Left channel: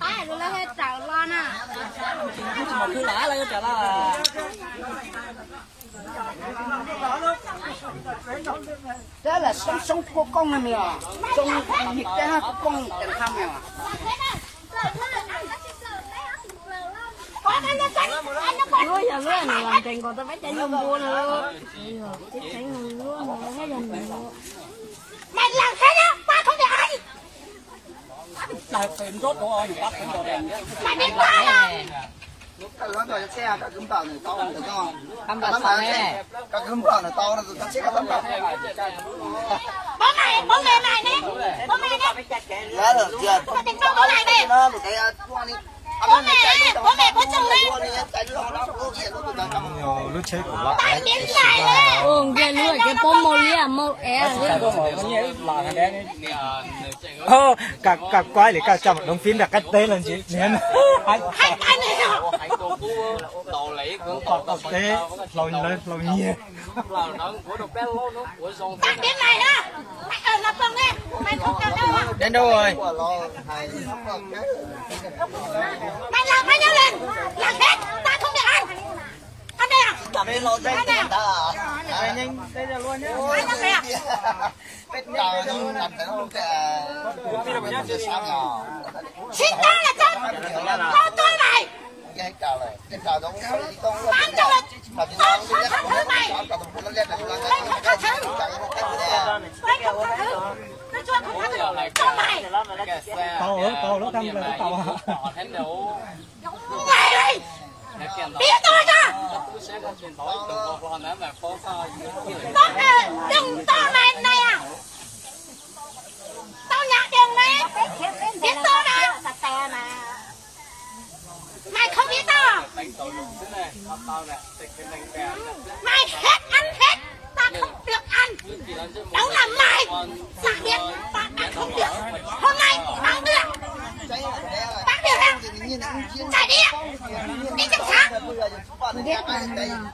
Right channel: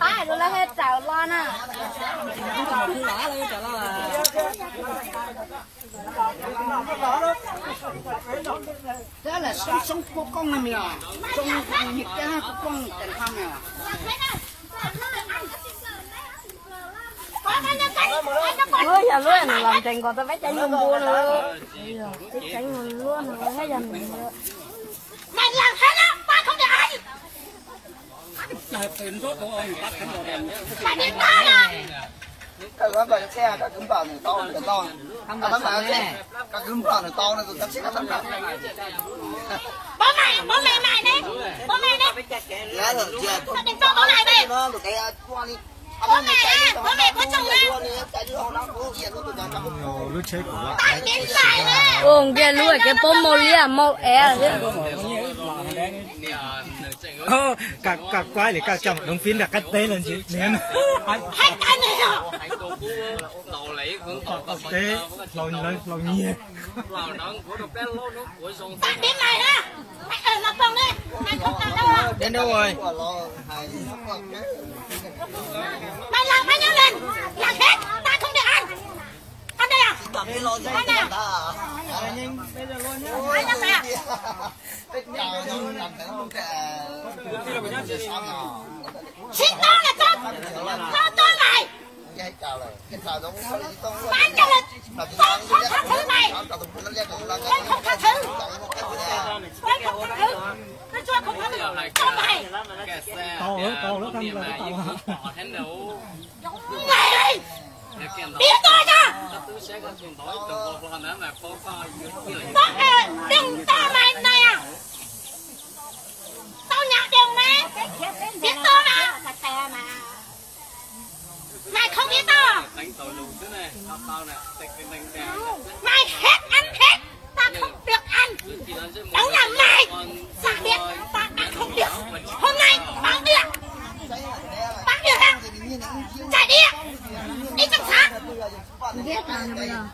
Ai rồi lấy chảo lo nè. Cứ đã lấy chảo lo là. Đó là sống của con này à. Sống nhiệt cha của con chẳng thăng à. Ôi giờ luôn làm trình còn tôi phải chạy luôn mua nữa. Chạy luôn cái gì. Mày làm thế đó, ba không được ai. Nào tiền rốt của anh bắt Mày biết ta nè. Nó rồi xe cả cứng vào này to này con. Các bạn này, các cứng vào này to này các xe các tấm này. Bố mẹ mày nè. Bố mẹ nè. Nhớ rồi chưa? Tao định cho bố này về. Bố mẹ có chồng đi. Lúc chế của lạ. Cái lúc cái bố mô lia mô é Cả quái để cao trọng đồng tin là cách tên là gì nhớ hai cái này à tế lâu nhiều tao đến mày đó mày ở nó phòng đi mày không ở đâu à đến đâu rồi mày làm bao nhiêu lần làm hết ta không được ăn đây à ăn nào ai làm mày à xin tao là cho tôi mày bán cho là tôi không tha thứ mày tôi không tha thứ tôi không tha thứ tôi cho không tha thứ cho mày to nữa thăm là cái tàu mày đi biết tôi ra đừng to mày này à tao nhặt đường này biết tôi mà mày không biết tao mày hết ăn hết ta không được ăn đúng là mày giả biết ta đã không được hôm nay bán được ăn chạy đi trong sáng ghét là bây giờ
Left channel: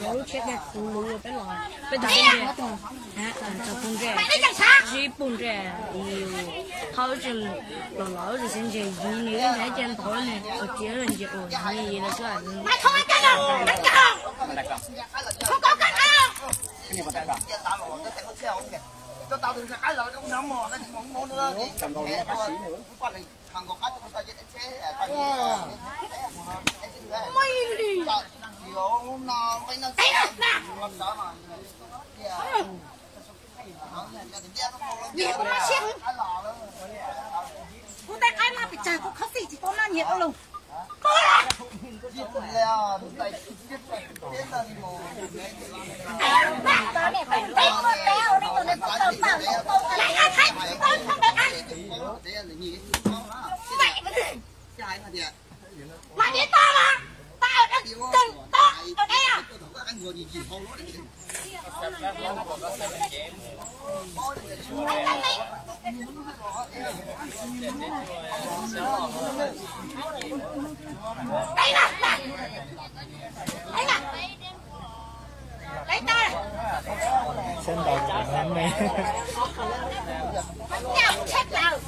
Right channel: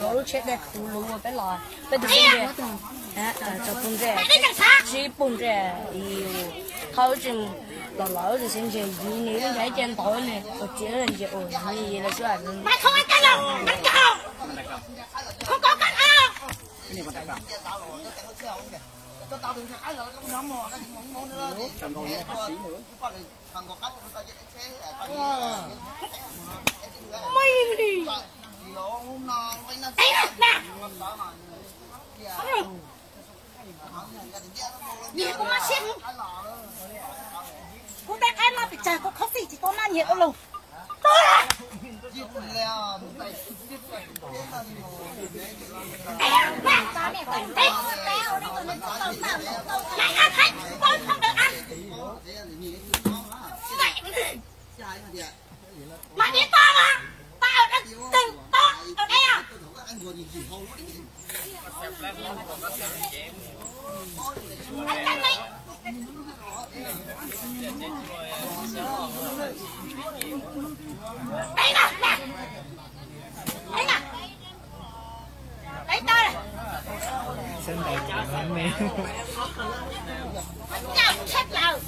lỗ chết đây cú lú cái lò cái đi mày đi trong sáng chỉ bún chè yêu hậu chừng lỗ thì xin chè gì nữa thấy trên tối này tôi chỉ là chè ổn gì là sẽ mày không ăn canh đâu ăn cào không có canh đâu mày đi đây nè gì cũng mà xem cô ta ai mà bị trời cô khóc gì chỉ có mà nhiều luôn mày ăn hết tôi không được ăn mày biết tao mà tao đã từng tao ở đây à anh canh này đây nè đây nè lấy tao nè xuân đầu chẳng mẹ mình nhau chết rồi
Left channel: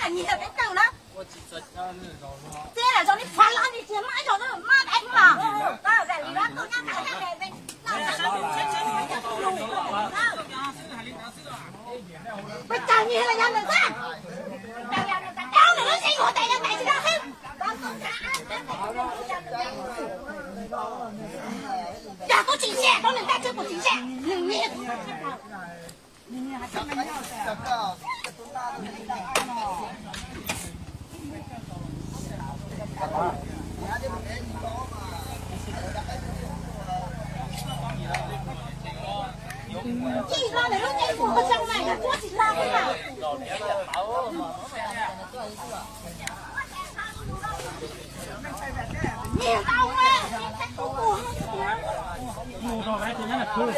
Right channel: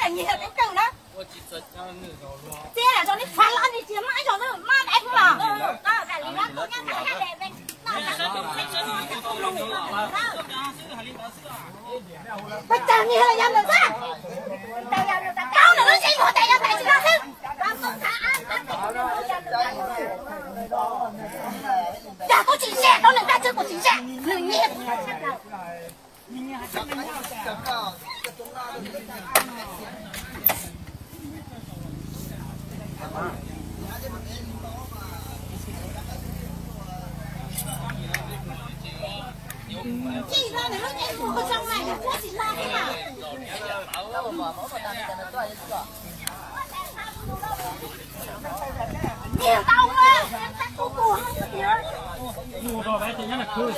là nhiều đến từ đó thế là do nó phá lan đi chiếm mãi rồi nó ma đánh mà đó là lý đó tôi nhắc cả để bên bây giờ nhiều là nhầm được ra cao là nó gì của tay là tay ra hết giờ có chỉ xe đó là ta chưa có chỉ xe đừng nhiệt chị ra để lúc em của trong này là chị ra đấy à nhiều tao mà mua rồi đấy thì nhớ là cười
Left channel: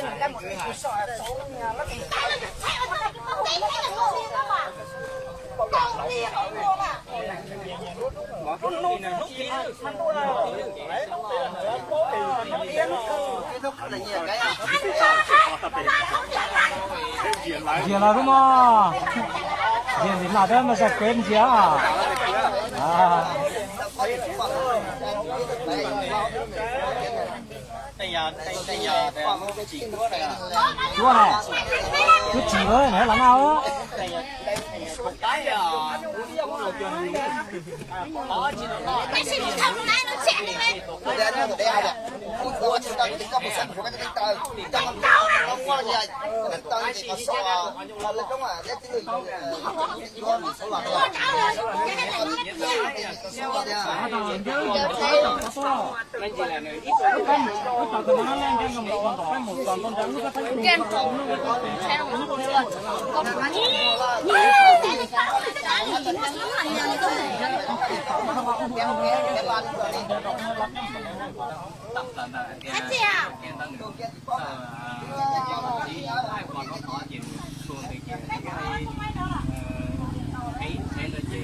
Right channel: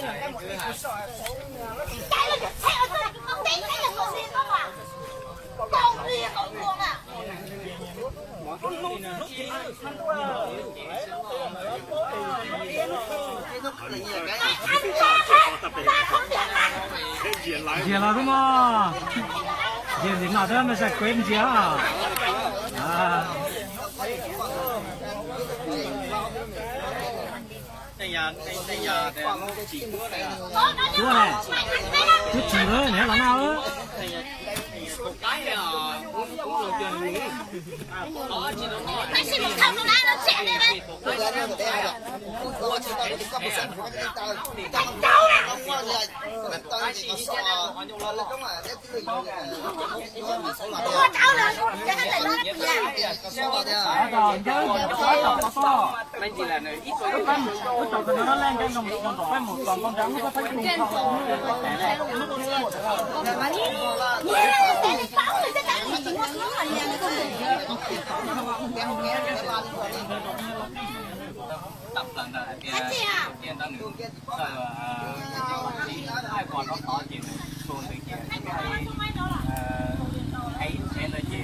cái là được xe ở đây cái con tí cái là con gì không à con lìa con buông à ta không biết ăn. Gì là đúng không? Gì nào thế mà sao quên gì à? Đây nhà còn chỉ chúa này à? Chúa này, chú chỉ với này là nào á? Cái gì một thằng này nó trẻ đi đấy. Thành câu à. Tập lần là kia ta nữa hai còn nó có nhiều xuống thì chắc ấy em là gì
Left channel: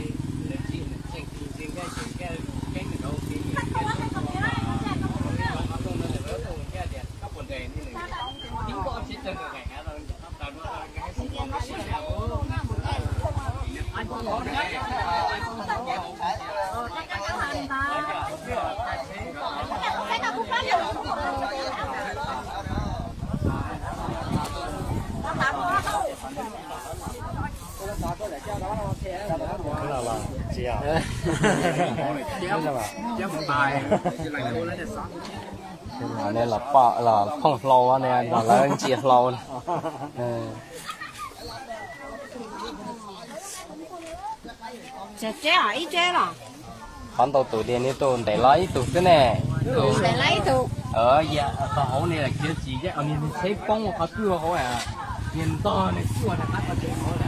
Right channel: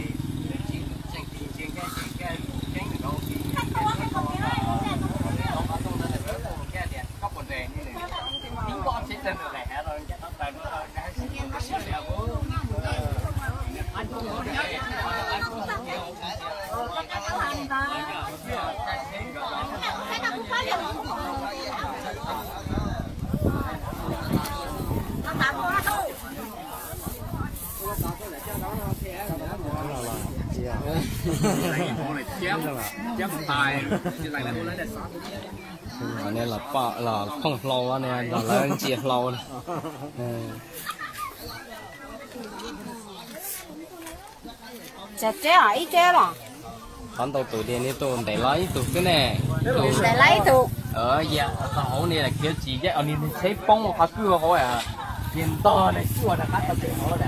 chém một tài chỉ lại ô lấy để xót đây là bọ là không flow này là lên chia flow này Trẻ ở ý chế là bán tôi tụi đen này tôi để lấy tụi cái này để lấy tụ dạ tao hổ này là kiểu gì chứ anh đi thấy bông phát cưa thôi à tiền to này xua là hát là tiền đó là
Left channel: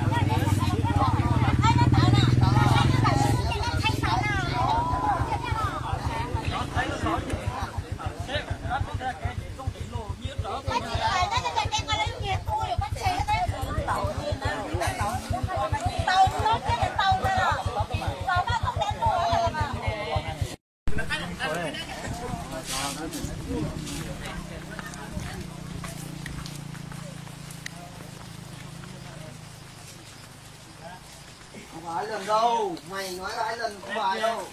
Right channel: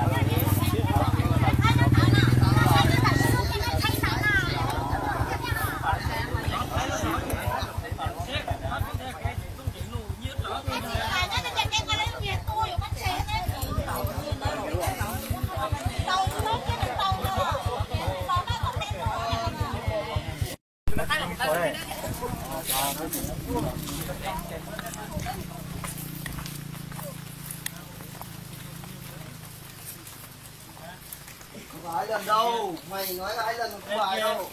Không phải lần đâu, mày nói là hai lần không phải đâu.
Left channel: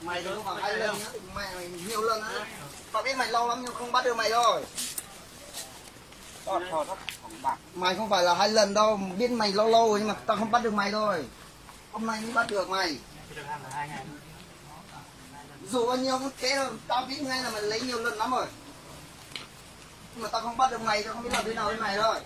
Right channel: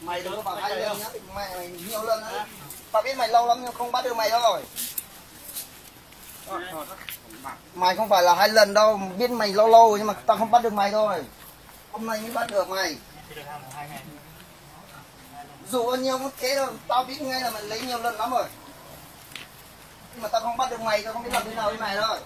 Mày đừng có bảo hai lần nhá, mày nhiều lần á. Tao biết mày lâu lắm nhưng không bắt được mày rồi. Mày không phải là hai lần đâu, biết mày lâu lâu nhưng mà tao không bắt được mày thôi. Hôm nay mới bắt được mày. Dù bao nhiêu cũng thế thôi, tao biết ngay là mày lấy nhiều lần lắm rồi. Nhưng mà tao không bắt được mày, tao không biết làm thế nào với mày thôi.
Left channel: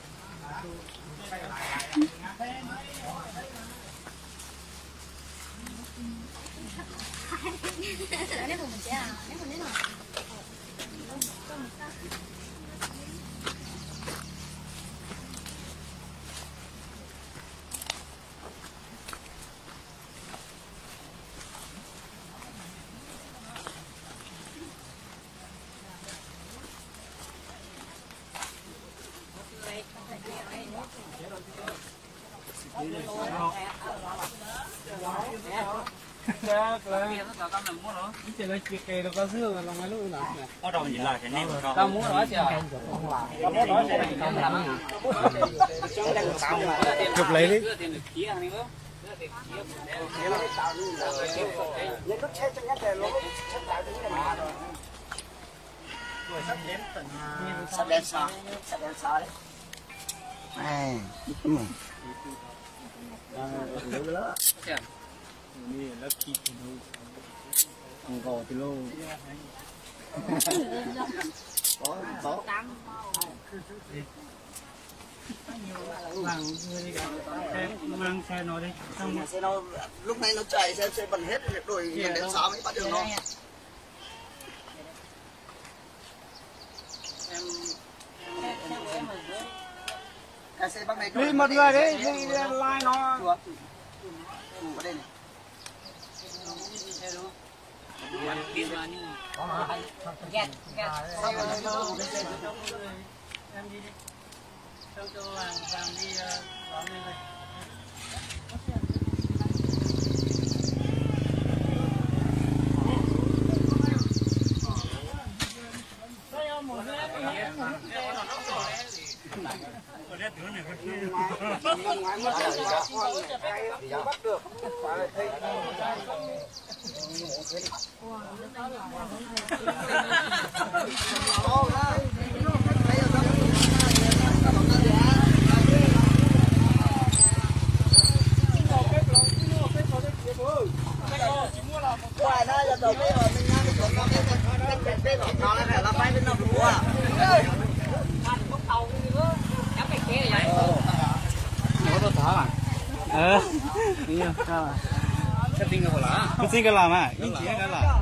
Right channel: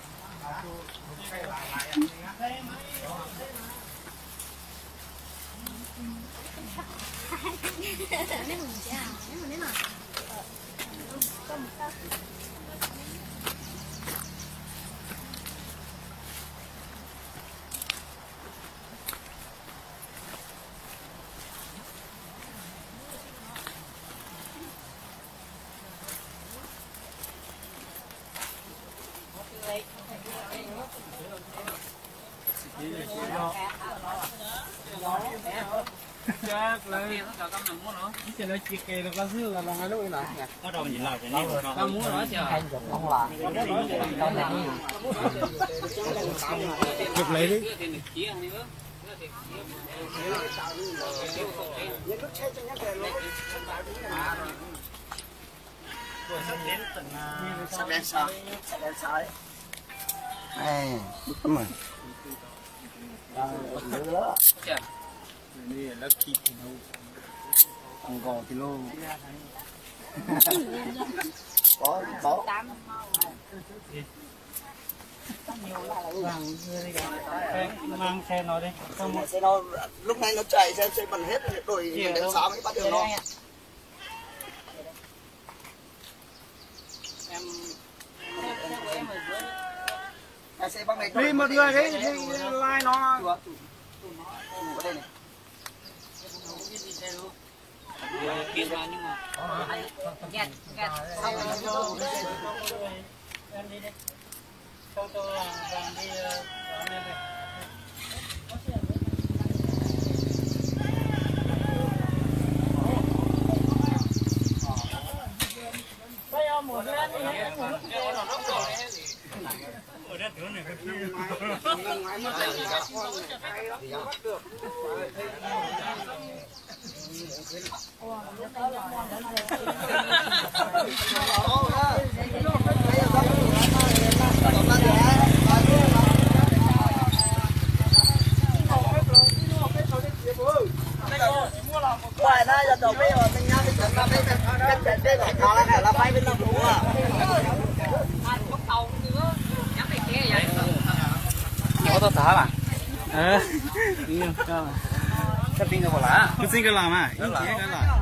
Chắc lấy cái nó chia kê nó có dưa mà nó lúc này có đồng gì là nên tao muốn nói chưa chụp lấy đi Sắp đến sao? Sắp đến sao đấy? Này, đúng rồi. Ông cầu thì lô Bỏ. mang xe nó đi Trong xe nó lúc này nó chạy xe bẩn hết rồi đến sáng mới bắt được nó. Cái xe băng này đi một người đi like nó ở đây này. em đi đi tôi vàng đi đón em về ở đây tướng này có chưa ngoài ra là đầu bây giờ mình đang đi chợ cái thỏ là phải bên đâu mua có thả mà nhiều cơ mà cái tiếng cái là ý nghĩa cái là